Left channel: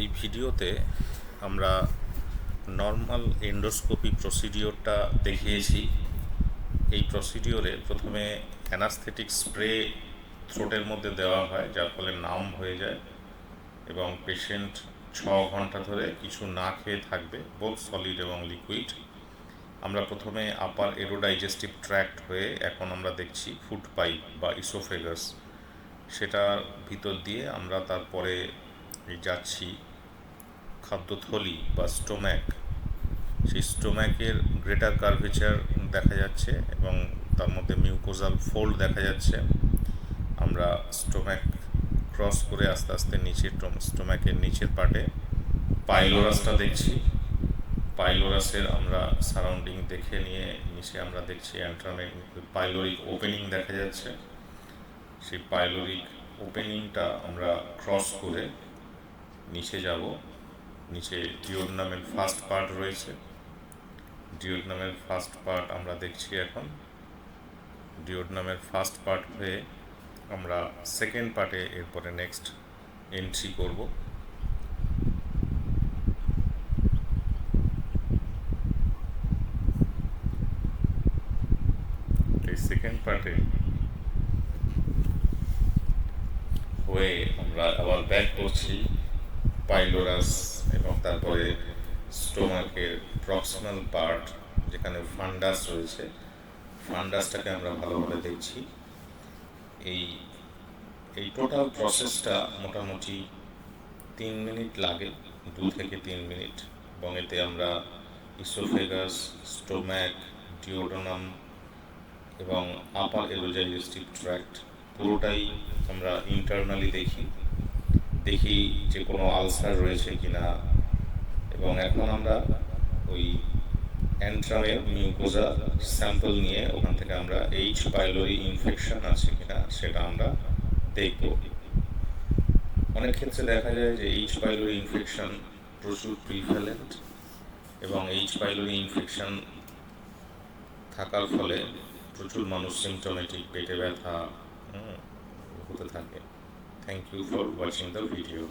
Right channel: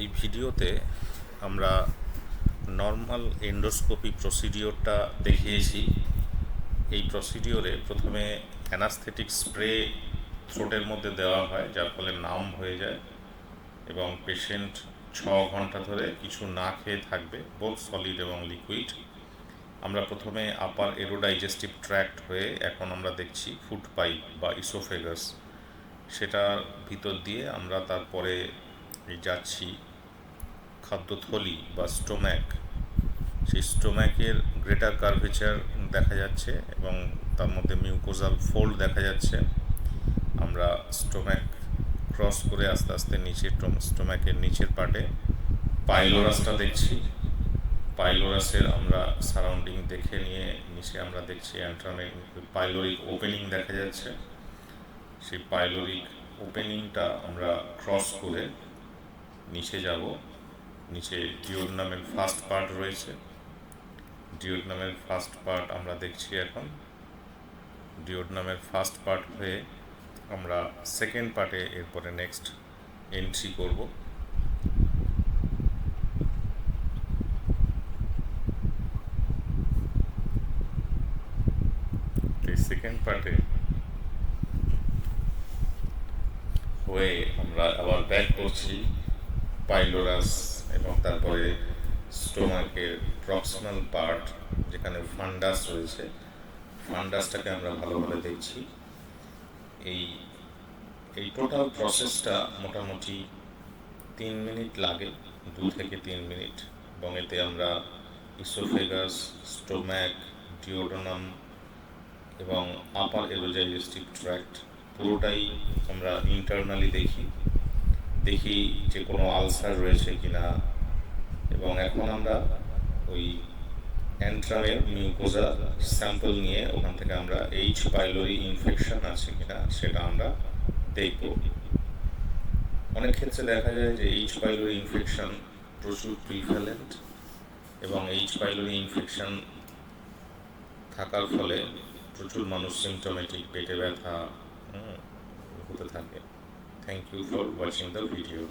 এই ভিডিওতে আমরা নর্মাল এন্ডোস্কোপি প্রসিডিওরটা দেখিয়েছি। এই প্রসিডিওরে প্রথমে অ্যানাস্থেটিক স্প্রে থ্রোটের মধ্যে দেওয়া হয়, যার ফলে নাম্ব হয়ে যায় এবং পেশেন্ট 6 ঘন্টা ধরে কিছু না খেয়ে থাকবে, বোথ সলিড এবং লিকুইড। আমরা প্রথমে আপার এরোডাইজেস্টিভ ট্র্যাক্ট হয়ে এখন আমরা দেখছি ফুড পাইপ বা ইসোফেগাস, সেটার ভিতর দিয়ে আমরা তারপরে যাচ্ছি খাদ্যথলি বা স্টোম্যাক। সেই স্টোম্যাকের গ্রেটার কার্ভেচার দেখা যাচ্ছে এবং তার মধ্যে মিউকোজাল ফোল্ড দেখা যাচ্ছে। আমরা স্টোম্যাক ক্রস করে আস্তে আস্তে নিচে স্টোম্যাকের নিচের পার্টে পাইলোরাসটা দেখছি। পাইলোরাসের আমরা সারাউন্ডিং দেখে নিয়ে নিচে আমরা দেখছি পাইলোরিক ওপেনিং দেখা যাচ্ছে। সেই পাইলোরিক ওপেনিংটা আমরা ক্রস করে নিচে যাব। নিচে ডিওডনামের ফার্স্ট পার্ট রয়েছে। ডিওডনামের ফার্স্ট পার্ট আমরা দেখছি এখন। ডিওডনামের ফার্স্ট পার্ট হয়ে আমরা সেকেন্ড পার্টে এরপরে নেক্সট এন্ট্রি করব। এই সেকেন্ড পার্টে হয়ে আমরা আবার ব্যাক করছি পাইলোরাস এবং তারপরে স্টোমাকের প্রক্সিমাল পার্ট যেখানে ফান্ডাস রয়েছে, ফান্ডাসটাকে আমরা ভালোভাবে দেখছি। এই টোটাল প্রসেসটা মোটামুটি 3 মিনিট লাগে, 2 থেকে 3 মিনিট, এবং এতে আমরা ইসোফেগাস, স্টোম্যাক, ডিওডোনাম এবং আপার এরোডাইজেস্টিভ ট্র্যাক্ট পুরোটাই আমরা ইন্টারনালি দেখি যে কোনো আলসার রয়েছে কিনা। এবং এখন আমরা ওই অ্যান্ট্রামের মিউকোজা স্যাম্পল নিয়ে ওখান থেকে আমরা এইচ পাইলোরি ইনফেকশন আছে কিনা সেটা আমরা দেখব। অনেক ক্ষেত্রে দেখা যায় যে এইচ পাইলোরি ইনফেকশন প্রচুর প্রিভ্যালেন্ট এবং এইচ পাইলোরি ইনফেকশন থাকার ফলে প্রচুর মানুষ সিমটোমেটিক, পেটে ব্যথা হতে থাকে। Thank you for watching the video.